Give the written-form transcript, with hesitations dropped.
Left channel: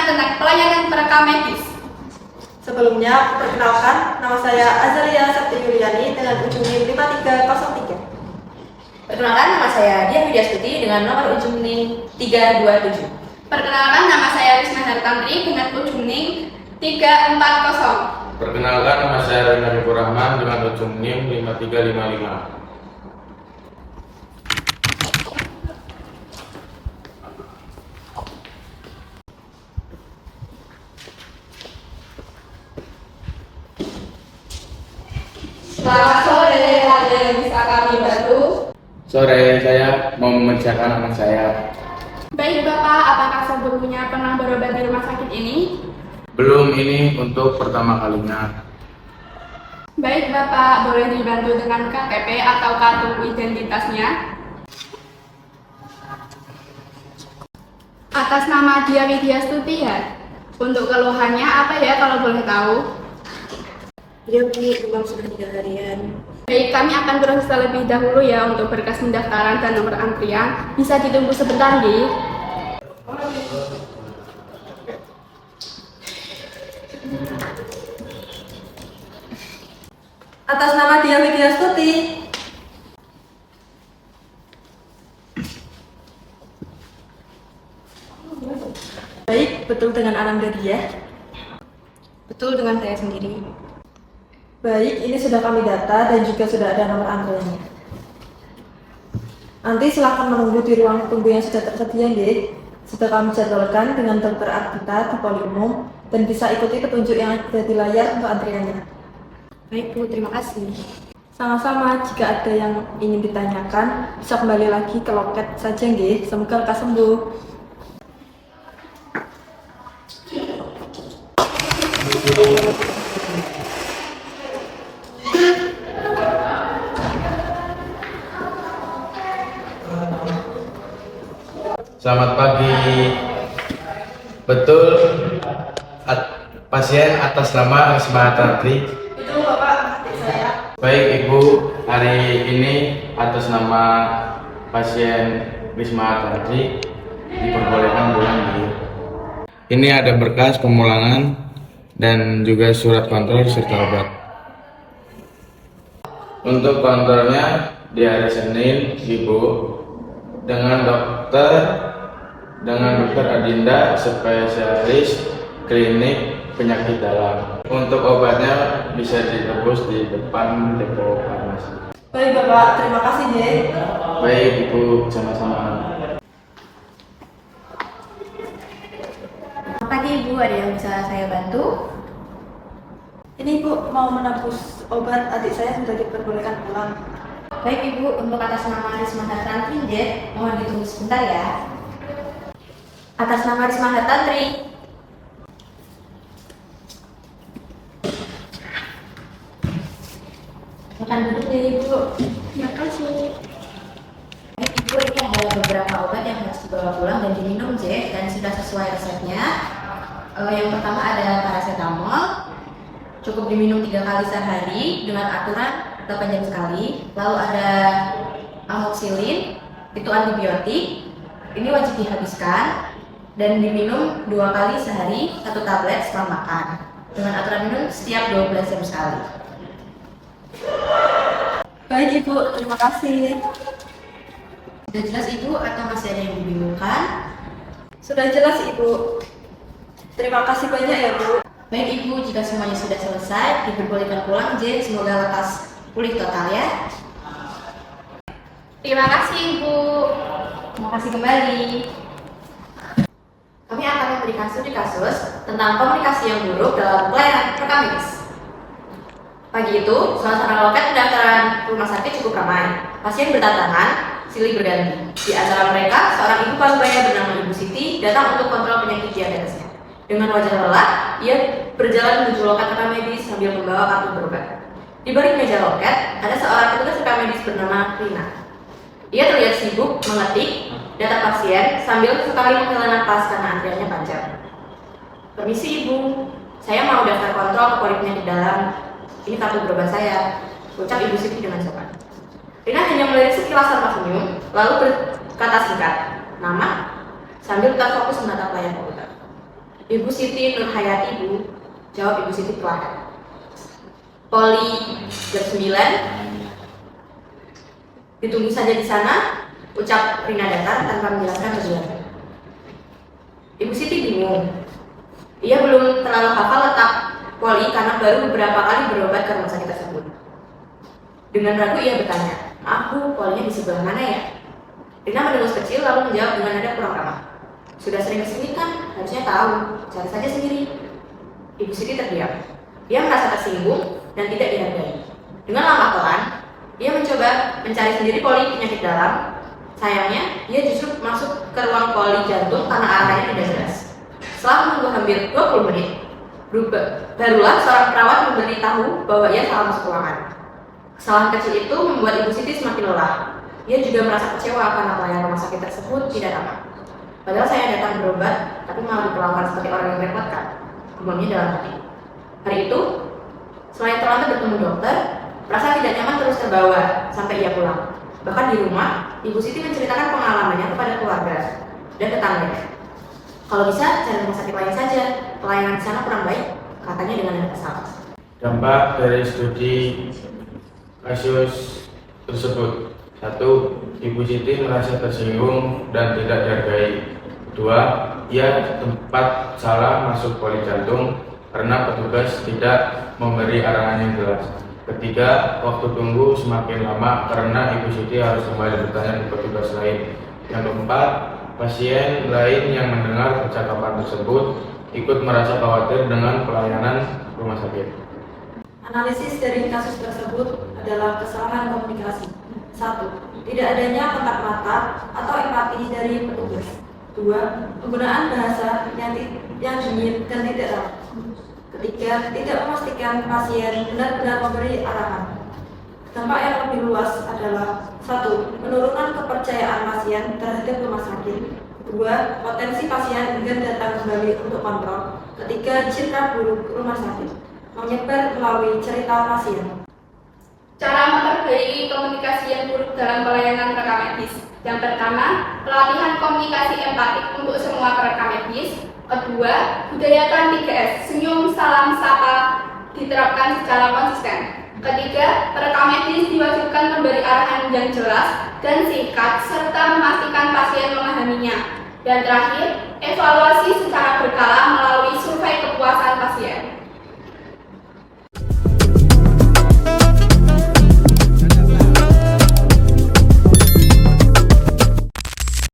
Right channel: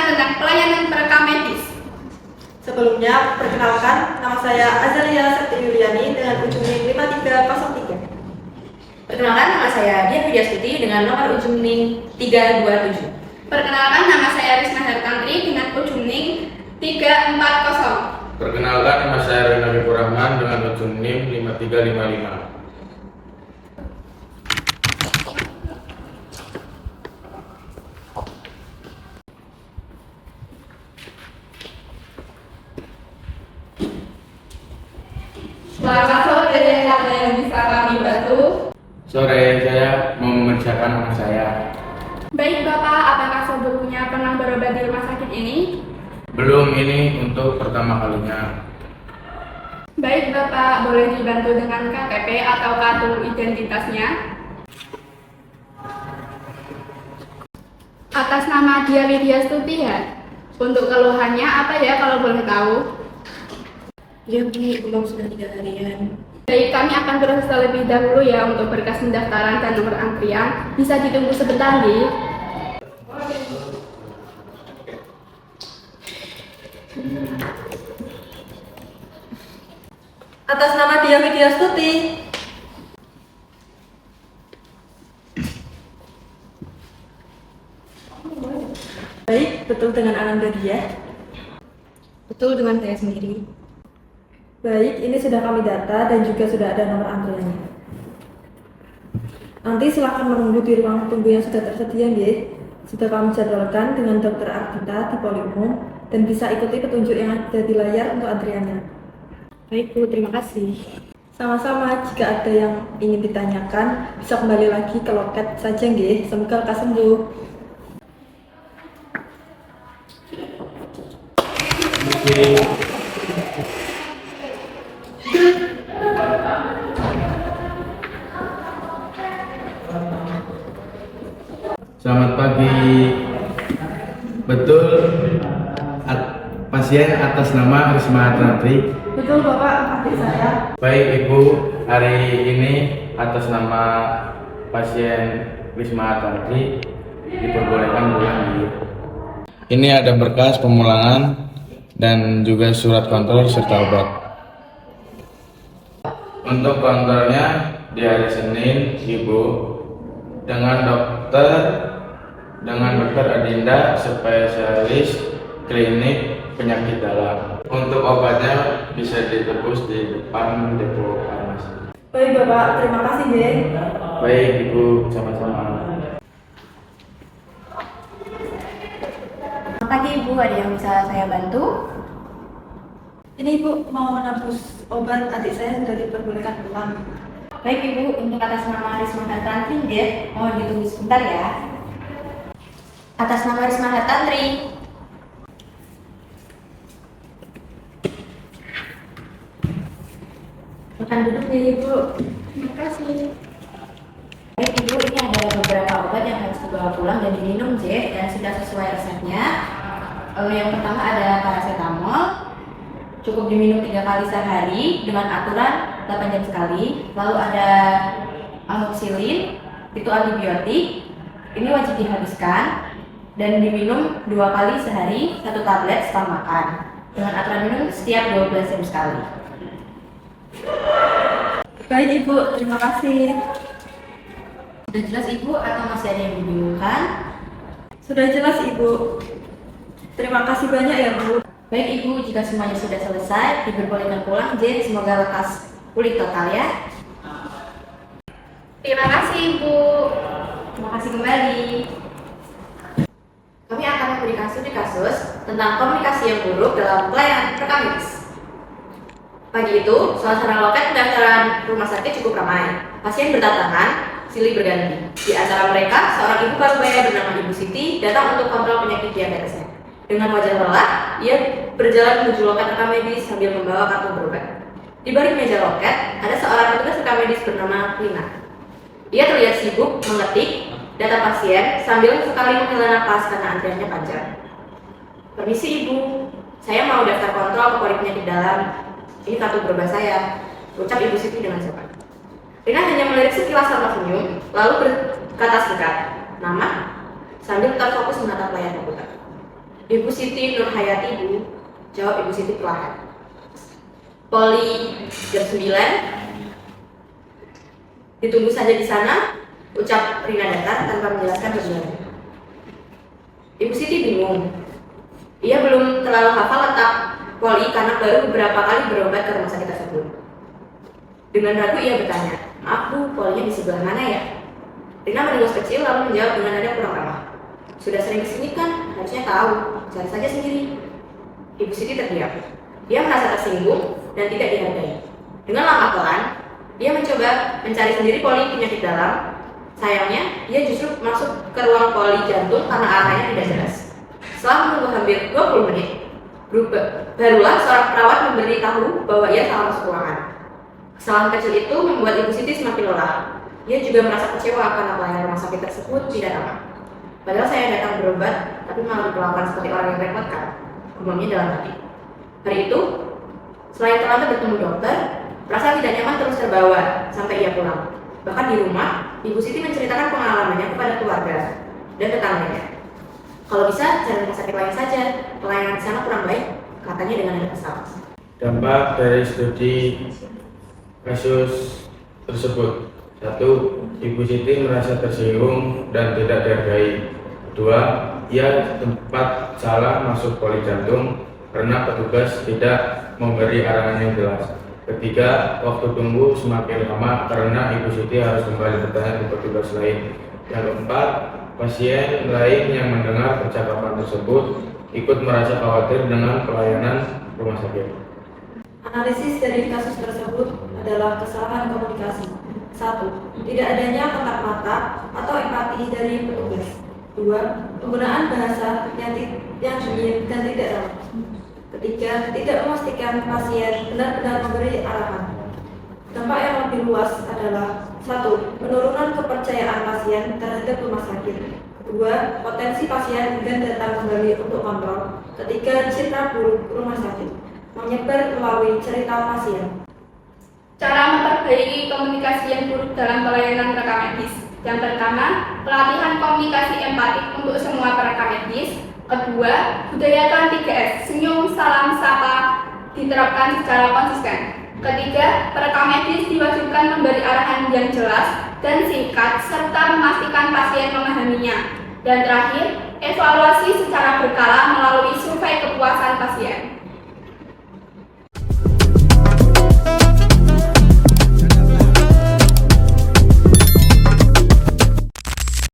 pemeriksaan tentang pelayanan perekam medis. Sebelumnya, perkenalkan, nama saya Azalia Septi Yuliani dengan ujung NIM 5303. Perkenalkan, nama saya Dian Widyastuti dengan nomor ujung NIM 327. Perkenalkan, nama saya Risma Hartantri dengan ujung NIM 340. Perkenalkan, nama saya Rina Habibur Rahman dengan ujung NIM 5355. Selamat sore, ada yang bisa kami bantu? Sore, saya mau memeriksakan anak saya. Baik Bapak, apakah sebelumnya pernah berobat di rumah sakit ini? Belum, ini untuk pertama kalinya. Baik Bapak, boleh dibantu dengan KTP atau kartu identitasnya? Atas nama Dia Widyastuti ya? Untuk keluhannya apa ya kalau boleh tahu? Ya Bu, demam sudah 3 harian. Baik, kami akan proses terlebih dahulu ya untuk berkas pendaftaran dan nomor antrian. Bisa ditunggu sebentar, Di. Atas nama Dia Widyastuti. Baik, betul dengan Ananda Dia? Betul dengan saya sendiri. Baik, ini sudah kami data dan juga sudah ada nomor antriannya. Nanti silakan menunggu di ruang tunggu yang sudah tersedia, nggih. Sudah kami jadwalkan dengan Dr. Ardita di Poli Umum dan bisa ikuti petunjuk yang ada di layar untuk antriannya. Baik Bu, terima kasih. Sama-sama, jika ada yang ingin ditanyakan, bisa kembali lagi ke loket saja, nggih. Semoga lekas sembuh. Selamat pagi. Betul, pasien atas nama Risma Hartantri. Betul Bapak, adik saya. Baik Ibu, hari ini atas nama pasien Risma Hartantri diperbolehkan pulang di. Ini ada berkas pemulangan dan juga surat kontrol serta obat. Untuk kontrolnya di hari Senin, Ibu dengan dokter Adinda, spesialis klinik penyakit dalam. Untuk obatnya bisa ditebus di depan depo farmasi. Baik Bapak, terima kasih, nggih. Baik Ibu, sama-sama. Selamat pagi Ibu, ada yang bisa saya bantu? Ini Ibu mau menebus obat adik saya sudah diperbolehkan pulang. Baik Ibu, untuk atas nama Risma Hartantri, mohon ditunggu sebentar ya. Atas nama Risma Hartantri. Silakan duduk deh Ibu. Terima kasih. Baik Ibu, ini ada beberapa obat yang harus dibawa pulang dan diminum dan sudah sesuai resepnya. Yang pertama ada paracetamol, cukup diminum 3 kali sehari dengan aturan 8 jam sekali. Lalu ada amoxicillin, itu antibiotik, ini wajib dihabiskan dan diminum 2 kali sehari, 1 tablet setelah makan dengan aturan minum setiap 12 jam sekali. Baik Ibu, terima kasih. Sudah jelas Ibu atau masih ada yang dibingungkan? Sudah jelas Ibu. Terima kasih banyak ya Bu. Baik Ibu, jika semuanya sudah selesai, diperbolehkan pulang. Semoga lekas pulih total ya. Terima kasih Ibu. Terima kasih kembali. Kami akan memberikan studi kasus tentang komunikasi yang buruk dalam pelayanan perekam medis. Pagi itu, suasana loket pendaftaran rumah sakit cukup ramai. Pasien berdatangan, silih berganti. Di antara mereka, seorang ibu parubaya bernama Ibu Siti datang untuk kontrol penyakit diabetesnya. Dengan wajah lelah, ia berjalan menuju loket rekam medis sambil membawa kartu berobat. Di balik meja loket, ada seorang petugas rekam medis bernama Rina. Ia terlihat sibuk mengetik data pasien sambil sekali menghela napas karena antriannya panjang. Permisi Ibu, saya mau daftar kontrol ke poliklinik di dalam. Ini kartu berobat saya, ucap Ibu Siti dengan sopan. Rina hanya melirik sekilas tanpa senyum, lalu berkata singkat, nama, sambil tetap fokus menatap layar komputer. Ibu Siti Nurhayati, Bu. Jawab Ibu Siti perlahan. Poli jam 9. Ditunggu saja di sana, ucap Rina datar tanpa menjelaskan tujuannya. Ibu Siti bingung. Ia belum terlalu hafal letak poli karena baru beberapa kali berobat ke rumah sakit tersebut. Dengan ragu ia bertanya, "Maaf Bu, polinya di sebelah mana ya?" Rina mendengus kecil lalu menjawab dengan nada kurang ramah, "Sudah sering kesini kan, harusnya tahu, cari saja sendiri." Ibu Siti terdiam. Ia merasa tersinggung dan tidak dihargai. Dengan langkah pelan, ia mencoba mencari sendiri poli penyakit dalam. Sayangnya, ia justru masuk ke ruang poli jantung karena arahnya tidak jelas. Setelah menunggu hampir 20 menit, barulah seorang perawat memberitahu bahwa ia salah masuk ruangan. Kesalahan kecil itu membuat Ibu Siti semakin lelah. Ia juga merasa kecewa karena pelayanan rumah sakit tersebut tidak ramah. "Padahal saya datang berobat, tapi malah diperlakukan seperti orang yang merepotkan," gumamnya dalam hati. Hari itu, selain terlambat bertemu dokter, perasaan tidak nyaman terus terbawa sampai ia pulang. Bahkan di rumah, Ibu Siti menceritakan pengalamannya kepada keluarga dan tetangganya. "Kalau bisa, cari rumah sakit lain saja. Pelayanan di sana kurang baik," katanya dengan nada kesal. Dampak dari studi kasus tersebut. 1. Ibu Siti merasa tersinggung dan tidak dihargai. 2. Ia tempat salah masuk poli jantung karena petugas tidak memberi arahan yang jelas. 3. Waktu tunggu semakin lama karena Ibu Siti harus kembali bertanya ke petugas lain. Yang 4. Pasien lain yang mendengar percakapan tersebut ikut merasa khawatir dengan pelayanan rumah sakit. Analisis dari kasus tersebut adalah kesalahan komunikasi. 1. Tidak adanya kontak mata atau empati dari petugas. 2. Penggunaan bahasa yang dingin dan tidak ramah. 3. Tidak memastikan pasien benar-benar memberi arahan. Dampak yang lebih luas adalah 1. Penurunan kepercayaan pasien terhadap rumah sakit. 2. Potensi pasien enggan datang kembali untuk kontrol. 3. Citra buruk rumah sakit menyebar melalui cerita pasien. Cara memperbaiki komunikasi yang buruk dalam pelayanan rekam medis. Yang pertama, pelatihan komunikasi empatik untuk semua perekam medis. Kedua, budayakan 3S, senyum, salam, sapa, diterapkan secara konsisten. Ketiga, perekam medis diwajibkan memberi arahan yang jelas dan singkat serta memastikan pasien memahaminya. Dan terakhir, evaluasi secara berkala